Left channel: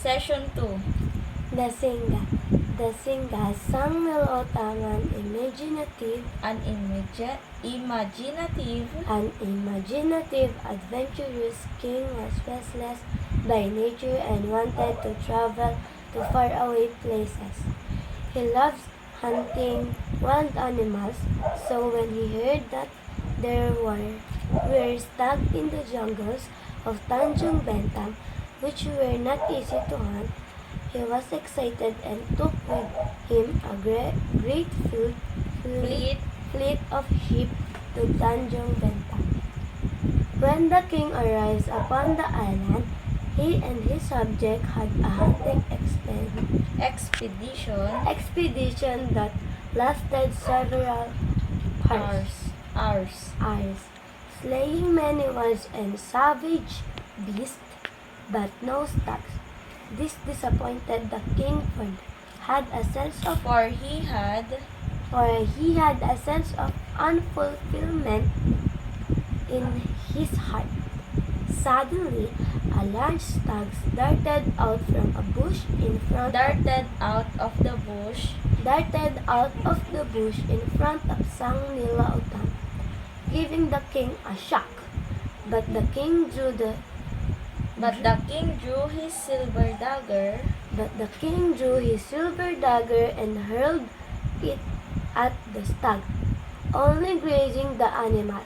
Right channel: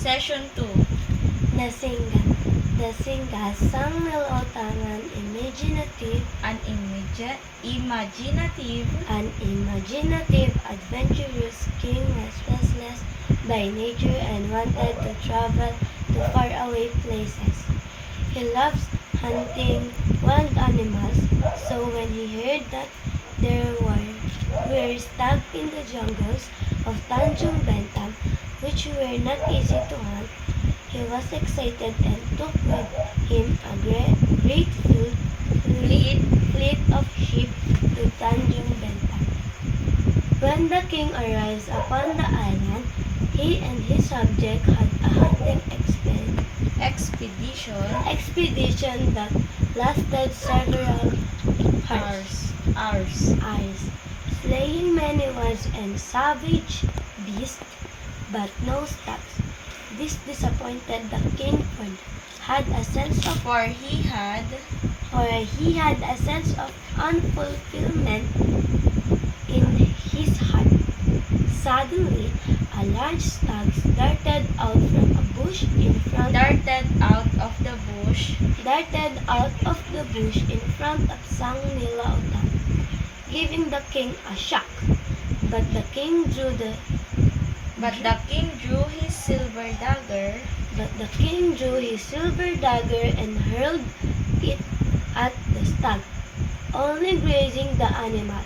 Session 2. The Singa. The Singa sang Nilotaman imaginative, adventurous king was restless by nature and wanted to travel to faraway places. He loves hunting wild animals, so when he heard that there were stags in the jungles of Tanjung Bentam, which were not easy to hunt, he was excited and took with him a great fleet of sheep to Tanjung Bentam. When the king arrived upon the island, he and his subject had a hunting expedition that lasted several hours, slaying many wild and savage beasts, but no stags. This disappointed the king, for he had a sense of unfulfillment in his heart. Suddenly, a large stag darted out of the bush in front of Sang Nilautang, giving the king a shock. But the king drew his silver dagger and hurled it at the stag, only grazing the animal.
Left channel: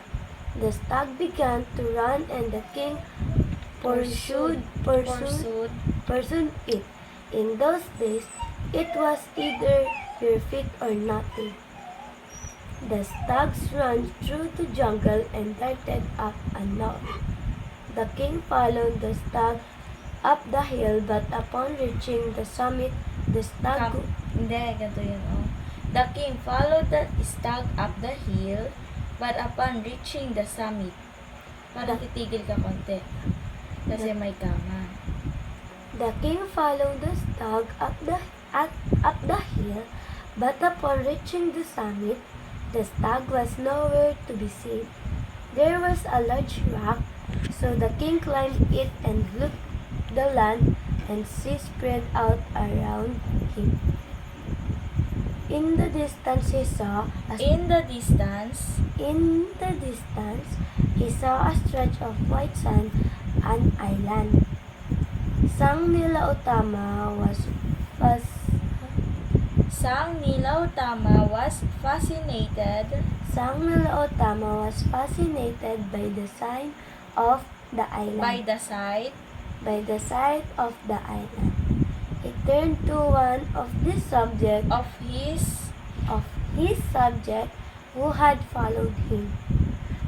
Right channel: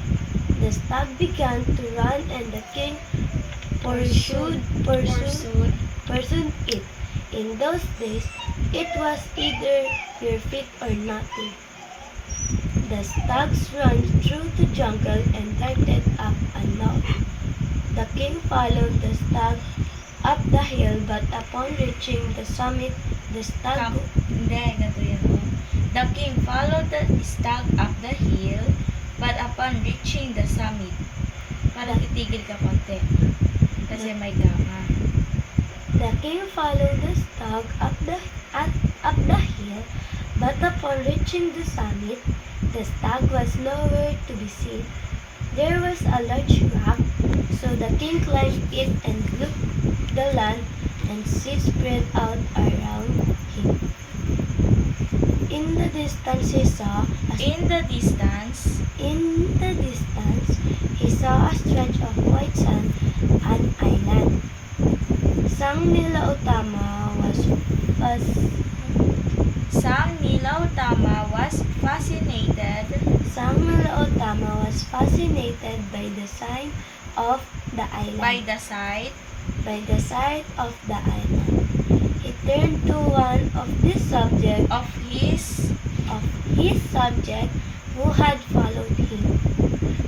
The stag began to run and the king pursued it. In those days, it was either your feet or nothing. The stags ran through the jungle and darted up a knoll. The king followed the stag up the hill, but upon reaching the summit, the stag... The king followed the stag up the hill, but upon reaching the summit, parang titigil ka konti. Kasi may gama. The king followed the stag up the hill, but upon reaching the summit, the stag was nowhere to be seen. There was a large rock, so the king climbed it and looked the land and sea spread out around him. In the distance, he saw a stretch of white sand, an island. Sang Nilautama was fascinated by the sight of the island. He turned to one of his subject who had followed him.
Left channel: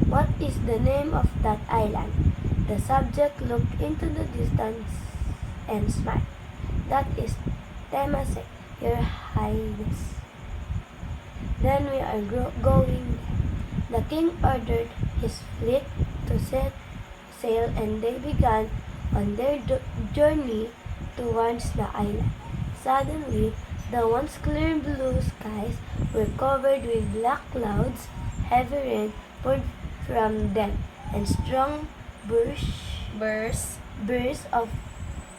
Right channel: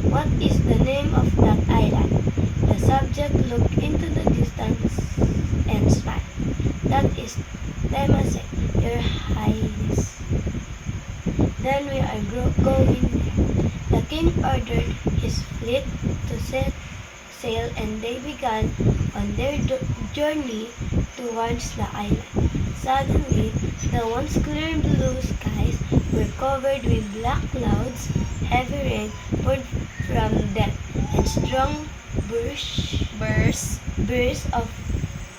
"What is the name of that island?" The subject looked into the distance and smiled. "That is Temasek, Your Highness." "Then we are going there." The king ordered his fleet to set sail, and they began on their journey towards the island. Suddenly, the once clear blue skies were covered with black clouds. Heavy rain poured from them, and strong bursts of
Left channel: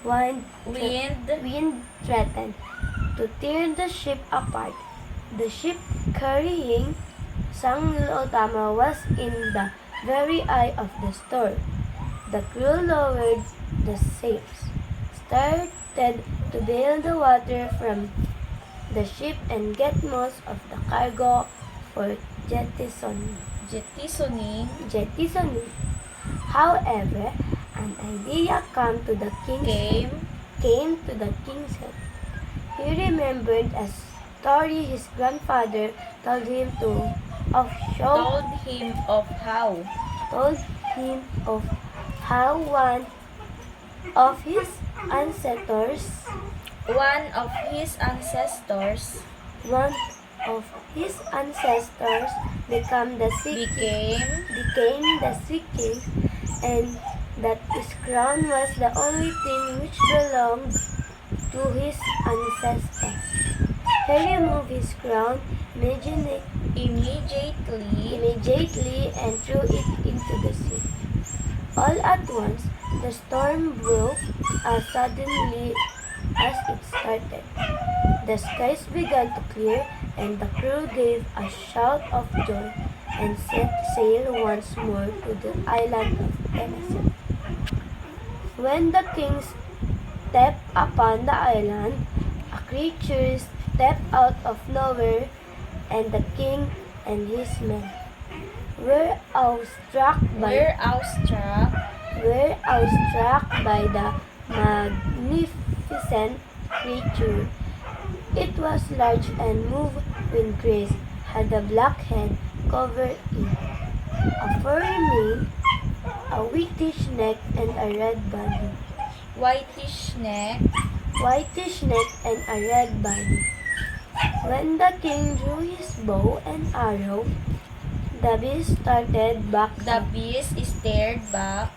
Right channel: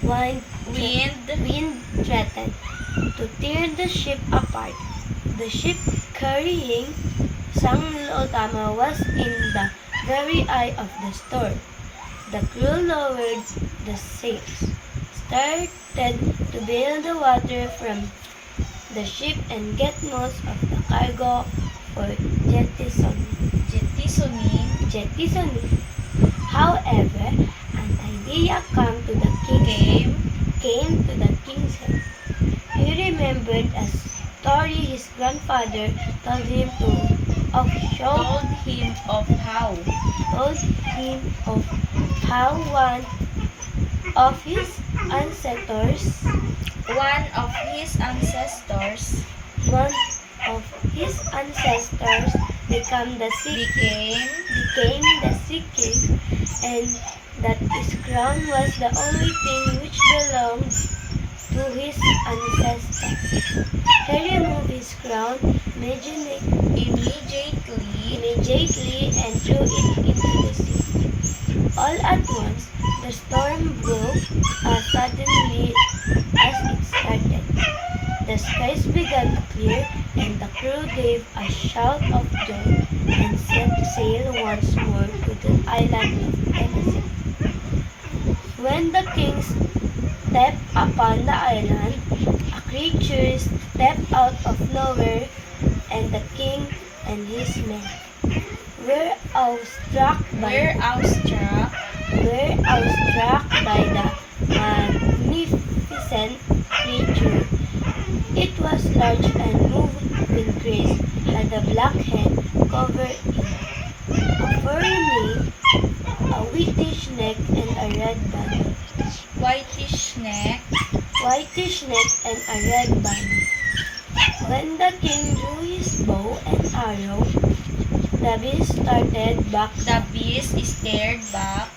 wind threatened to tear the ship apart. The ship carrying Sang Nilautama was in the very eye of the storm. The crew lowered the sails, started to bail the water from the ship and get most of the cargo for jettisoning. However, an idea came to the king's head. He remembered a story his grandfather told him of how one of his ancestors became the sea king, and that his crown was the only thing which belonged to his ancestors. He removed his crown immediately and threw it into the sea. All at once, The storm broke as suddenly as it started. The skies began to clear, and the crew gave a shout of joy and set sail once more to the island of Tennessee. When the king stepped upon the island, a creature stepped out of nowhere, and the king and his men were awestruck We're by awestruck the magnificent creature. It was large and moved with grace, had a black head covered in a furry mane, a whitish neck, and a red body. whitish neck. And a red body. When the king drew his bow and arrow, the beast started back. The beast stared back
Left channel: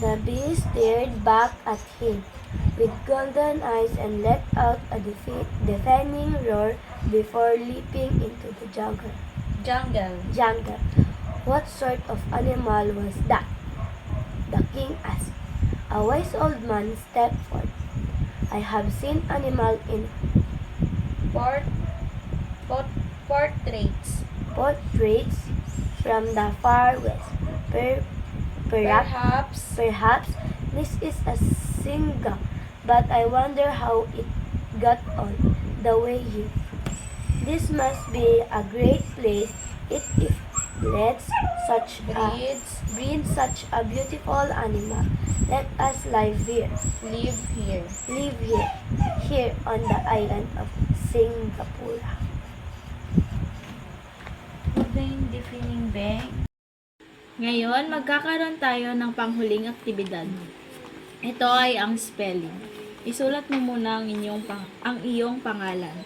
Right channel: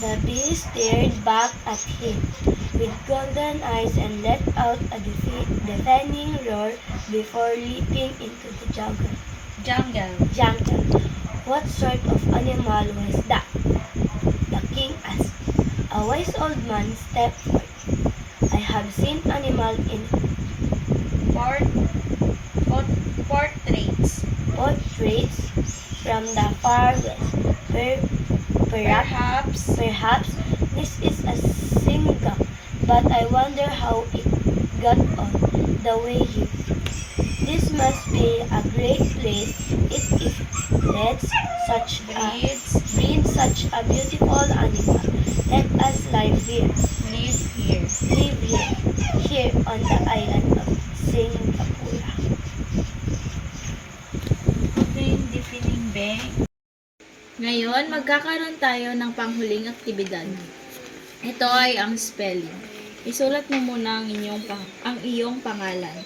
The beast stared back at him with golden eyes and let out a deafening roar before leaping into the jungle. What sort of animal was that? The king asked. A wise old man stepped forth. I have seen animal in portraits. portraits from the far west. Perhaps this is a singa, but I wonder how it got on the way here. This must be a great place if it breeds such a beautiful animal. Let us live here on the island of Singapore. Ngayon, magkakaroon tayo ng panghuling aktibidad. Ito ay ang spelling. Isulat mo muna ang iyong pangalan.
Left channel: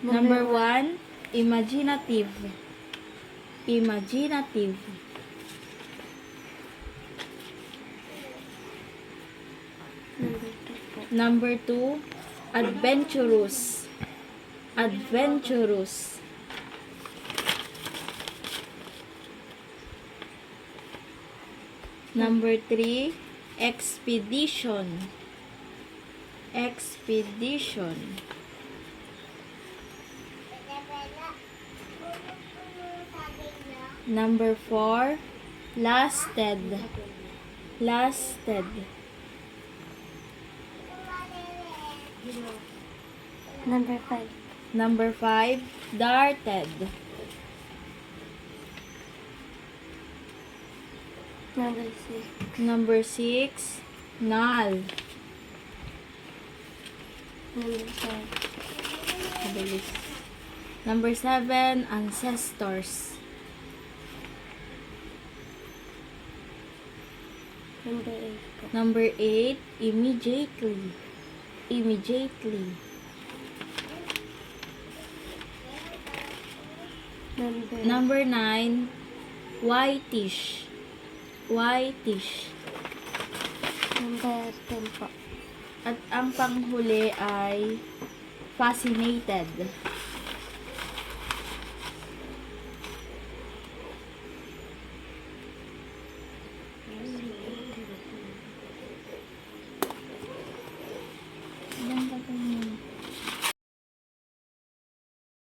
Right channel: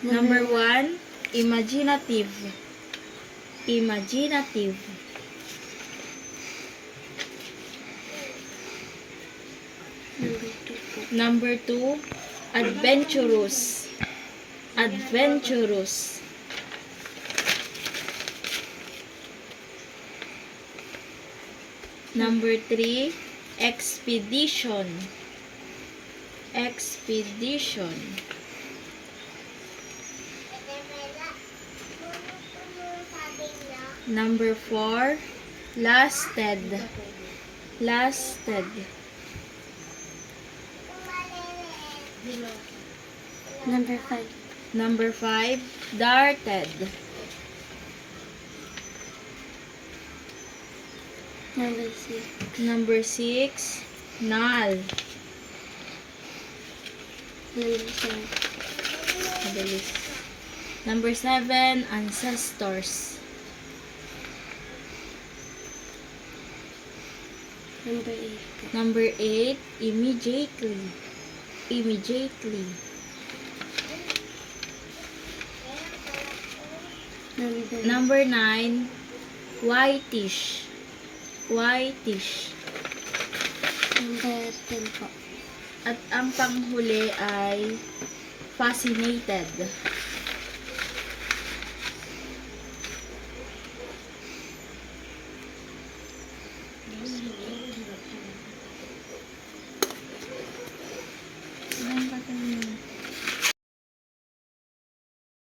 Number 1, imaginative. Number 2, adventurous. Number 3, expedition. Number 4, lasted. Number 5, darted. Number 6, null. Number 7, ancestors. Number 8, immediately. Number 9, whitish. Number 10 po. At ang panghuli ay fascinated.